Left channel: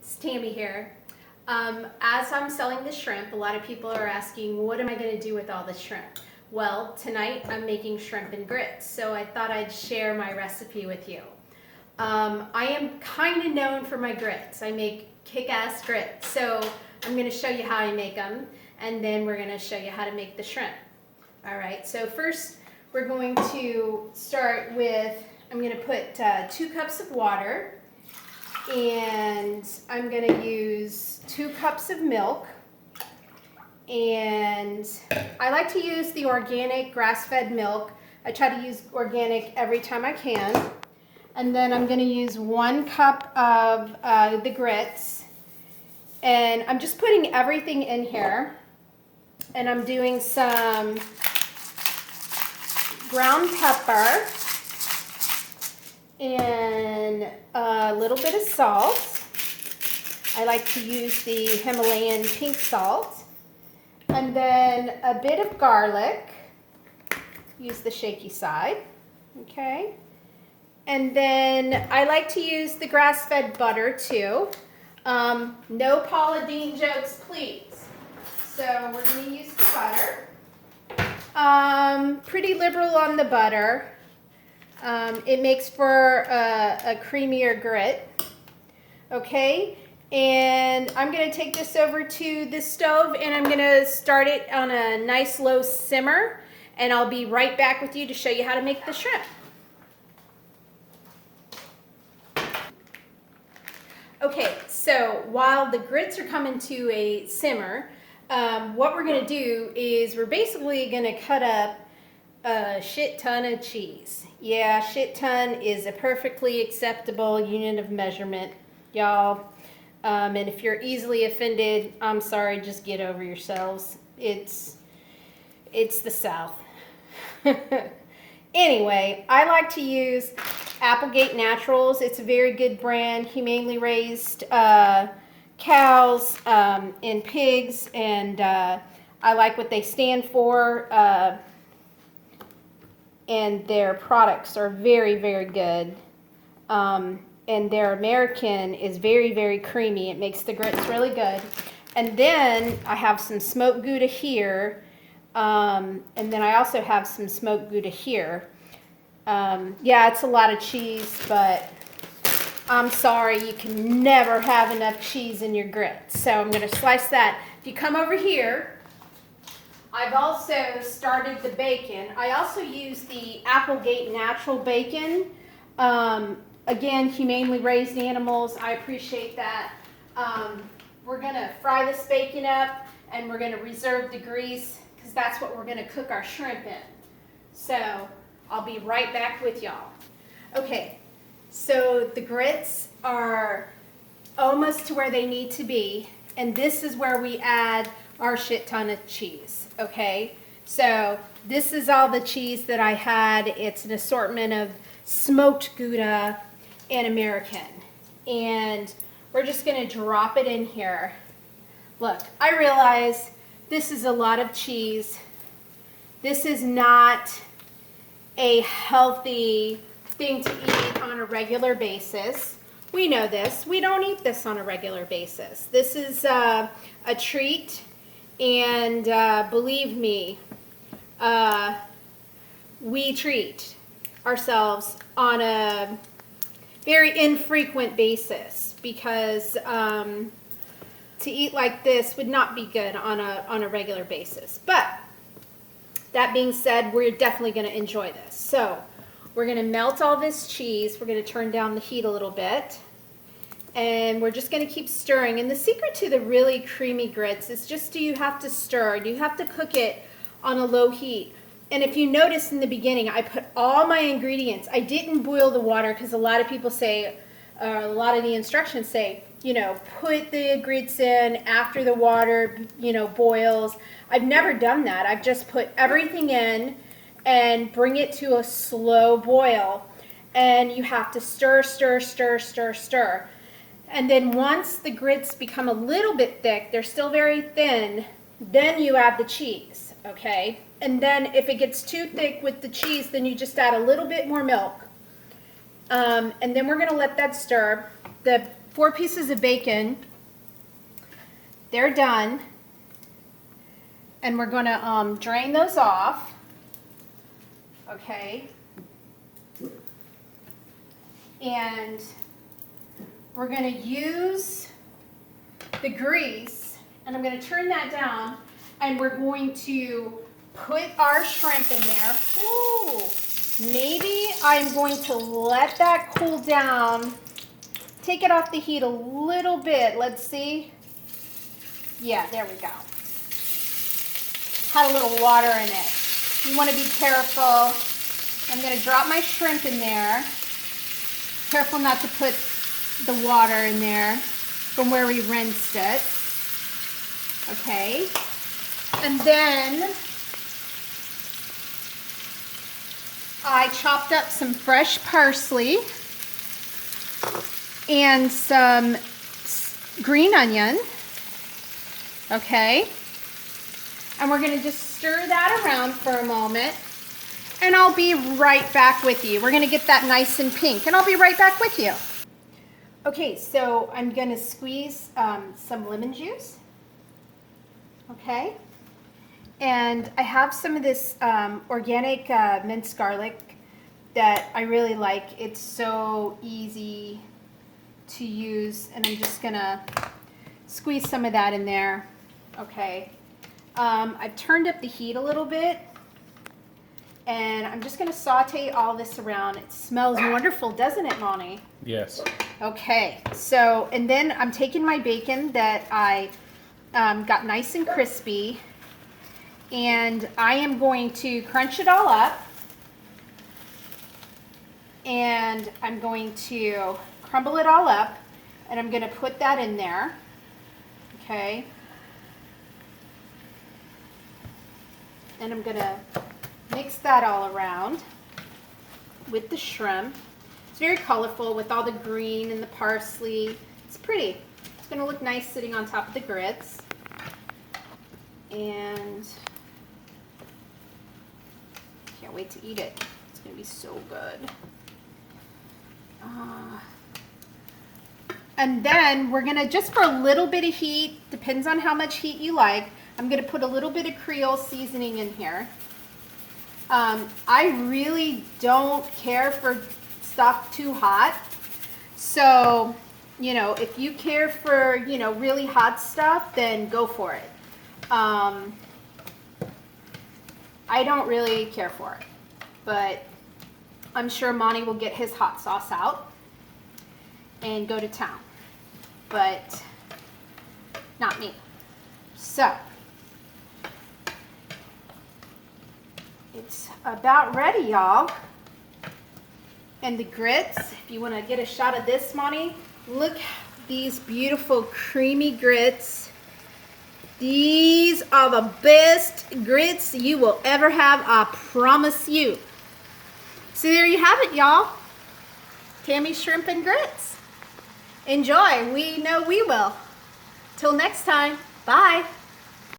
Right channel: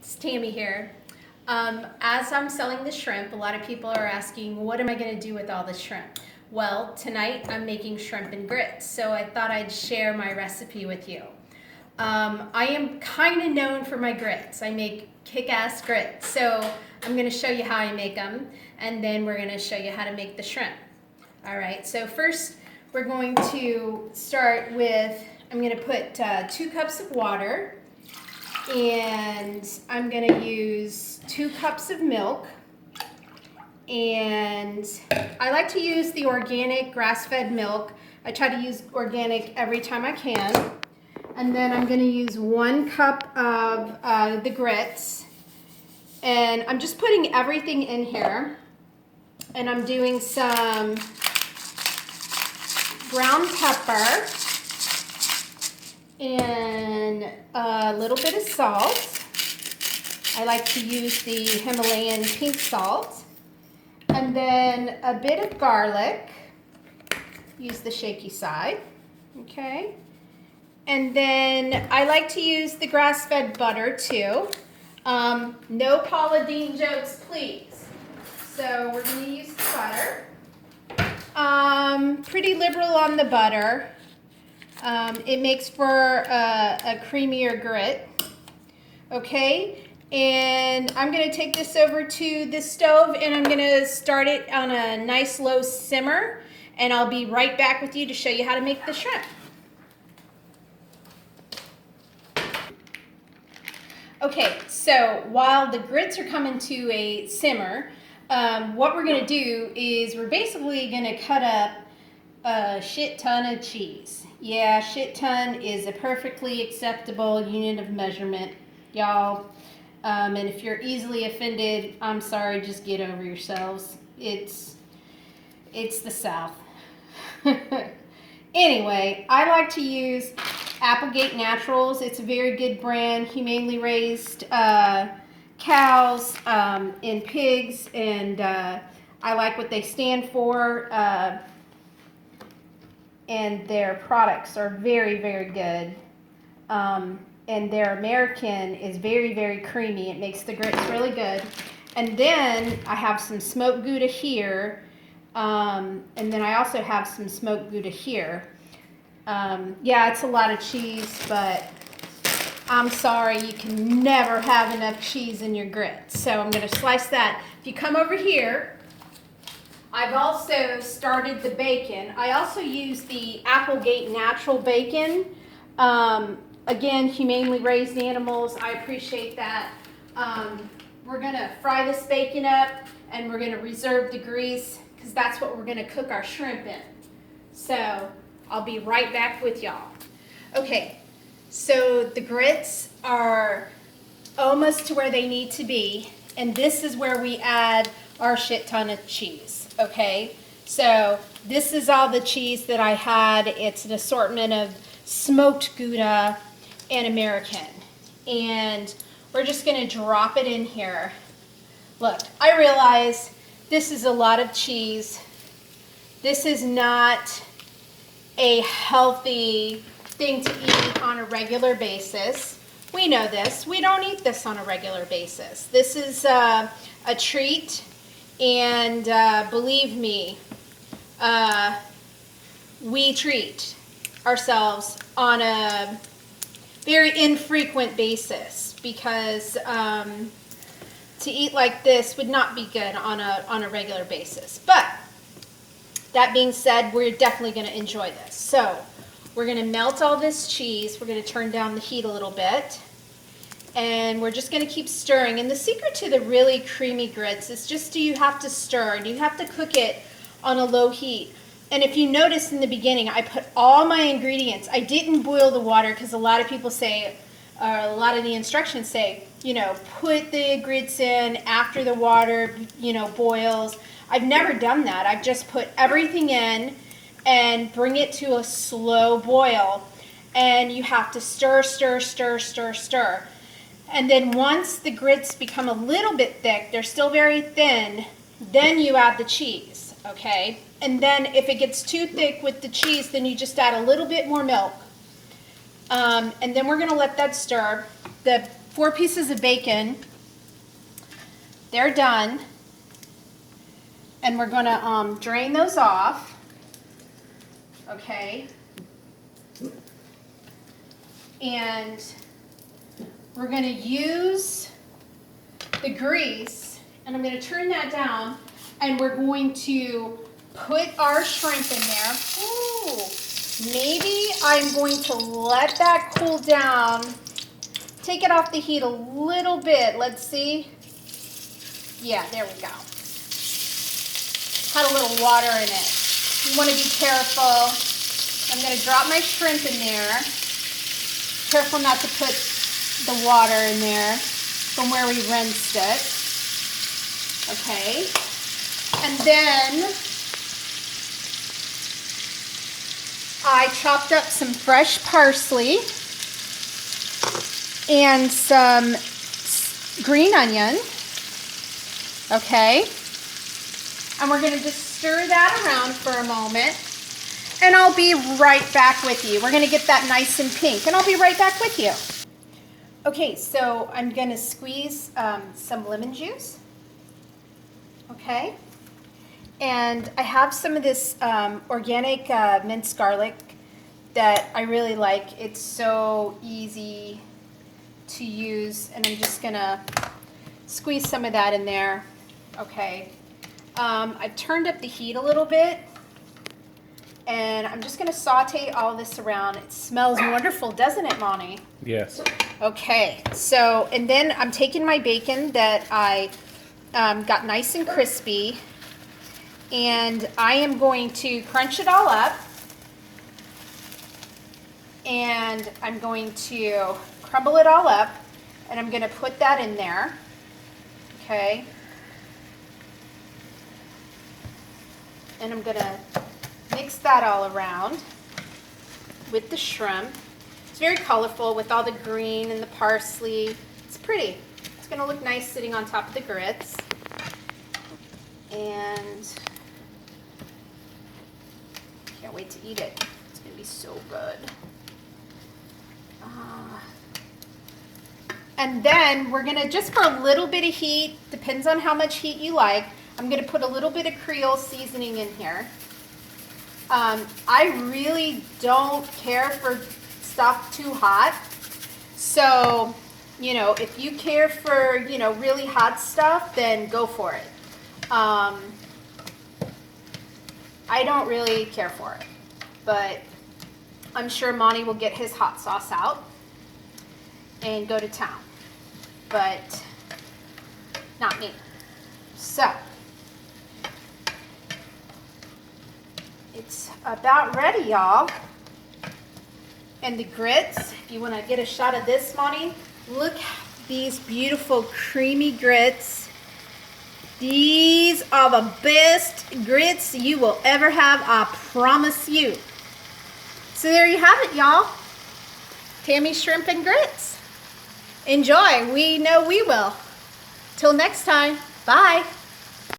It's Tammy here. As I'm selling the shrimp, a lot of people are asking, what am I going to do with all the shrimp? Well, tonight I'm making shrimp and grits, so I thought I'd share my recipe with you. I am kind of known for my grits. I make kick-ass grits, so I'm going to show you how I make them, and then we're going to show you how to make the shrimp. All right, so first we're going to start with, I'm going to put 2 cups of water, and I'm going to use 2 cups of milk, and I like to use the organic grass-fed milk. I try to use organic every time I can. And then I'm going to use 1 cup of the grits, and I'm just putting everything in here, and I'm doing some ground pepper and a little bit of salt. I like to use the Himalayan pink salt, and then a bit of garlic. Use the shaky side, okay? And then I like to use the grass-fed butter too. No Paula Deen jokes, please. So we're going to use the butter. Pretty liberal on the butter. It makes for a creamier grit. Okay, and I'm going to take this over to the stove, and I'm going to start it on a nice low simmer, and I'll be right back with you to show you how to make the shrimp. Okay, so while the grits are coming to a simmer, what we're going to do is we're basically going to cut up a shit ton of cheese. Yeah, shit ton is a perfectly acceptable unit of measurement, y'all. And if you're easily offended, I'm sorry, just get over yourselves. It's the South. Anyway, I like to use Applegate Naturals. It's a very good brand, humanely raised cows and pigs, and I like what they stand for, and their products are very, very good. And their American is very, very creamy. It makes the grits really good. And then I have some smoked Gouda here, and then I also have some smoked Gouda here. Yeah, it's a lot of cheese, but I'm sorry, you can never have enough cheese in your grits. So I'm going to slice that. If you come over here, I've also started the bacon. I also use the Applegate Natural Bacon. Again, humanely raised animals. I appreciate that. We're going to fry this bacon up, and we're going to reserve the grease because that's what we're going to cook our shrimp in. So I'll be right back with y'all. Okay, so the grits are almost to where they need to be, and this is where we add our shit ton of cheese, okay? So this is all the cheese that I had. It's an assortment of smoked Gouda and American, and we're just gonna drop it in here. Look, I realize this is a lot of cheese. This is not a healthy thing to eat on a regular basis. We know this. We don't eat this on a regular basis. This is a treat, and believe me, we treat ourselves on a very infrequent basis because to eat like this would not be good on a regular basis. But that being said, we're definitely going to enjoy this. So we're going to melt all this cheese. We're going to turn down the heat a little bit. And we're just going to keep stirring. And the secret to the really creamy grits is just you have to stir. And you have to cook it on a low heat. And if you notice in the beginning, I put all my ingredients. I didn't boil the water because a lot of people say, a lot of the instructions say, you know, put the grits in after the water, you know, boils. I've never done that. I've just put everything in and bring it to a slow boil. And you have to stir, stir, stir, stir, stir. And then once the grits become a little bit thick, they're still very thin, then you add the cheese, okay? And then if it gets too thick with the cheese, then you just add a little bit more milk. And then we're gonna let that stir. The 4 pieces of bacon. They're done. And we're gonna drain those off. Okay. And we're gonna use the grease, and I'm gonna turn that down, and we're going to put our shrimp in there. Ooh, maybe I'm going to let that cool down, take it off the heat a little bit. Let's see. Yeah, there we go. Had a little water in it. You want to be careful. I'm going to drop my shrimp in there. Careful not to put the water in there from where we rinsed it. Okay. And then I chopped up some fresh parsley and some green onion. Okay. And we're going to just stir that around for a moment. And I'll be right back with you. We're going to get that nice and pink. And I'll be right back with you. Okay, so I'm going to squeeze some lemon juice. Okay. And I have some of this organic minced garlic that I really like. It's so easy to use. And I'm just going to squeeze some of that in there. Okay. I've turned up the heat a little bit. And I'm just going to saute all this around. It smells wonderful, doesn't it, Monty? Yes. Okay, so, and then I'm taking my bacon that I got nice and crispy, and I am going to crunch it all up, and I'm going to crumble it all up, and I'm going to put that in there, okay, and I'm going to mix that all around with the shrimp. It's very colorful with all the green and the parsley. It's pretty. It's going to look nice sitting on top of the grits. And can't wait to eat it. It's going to be so good. And then we're going to, just for a little bit of heat, depends on how much heat you like, I'm going to put a little bit of Creole seasoning in here. I really don't care for stuff too hot. So, you know, if you care for, you know, really hot stuff, then go for it. I don't really care for it, but I'm sure Monty will get his hot sauce out and go to town, but not me. So, it's about ready, y'all. And the grits, if you want to get a shot of this, Monty, look at these beautiful creamy grits. These are the best grits you will ever have, I promise you. So there you have it, y'all. Tammy's shrimp and grits. Enjoy. We know we will. Till next time. Bye.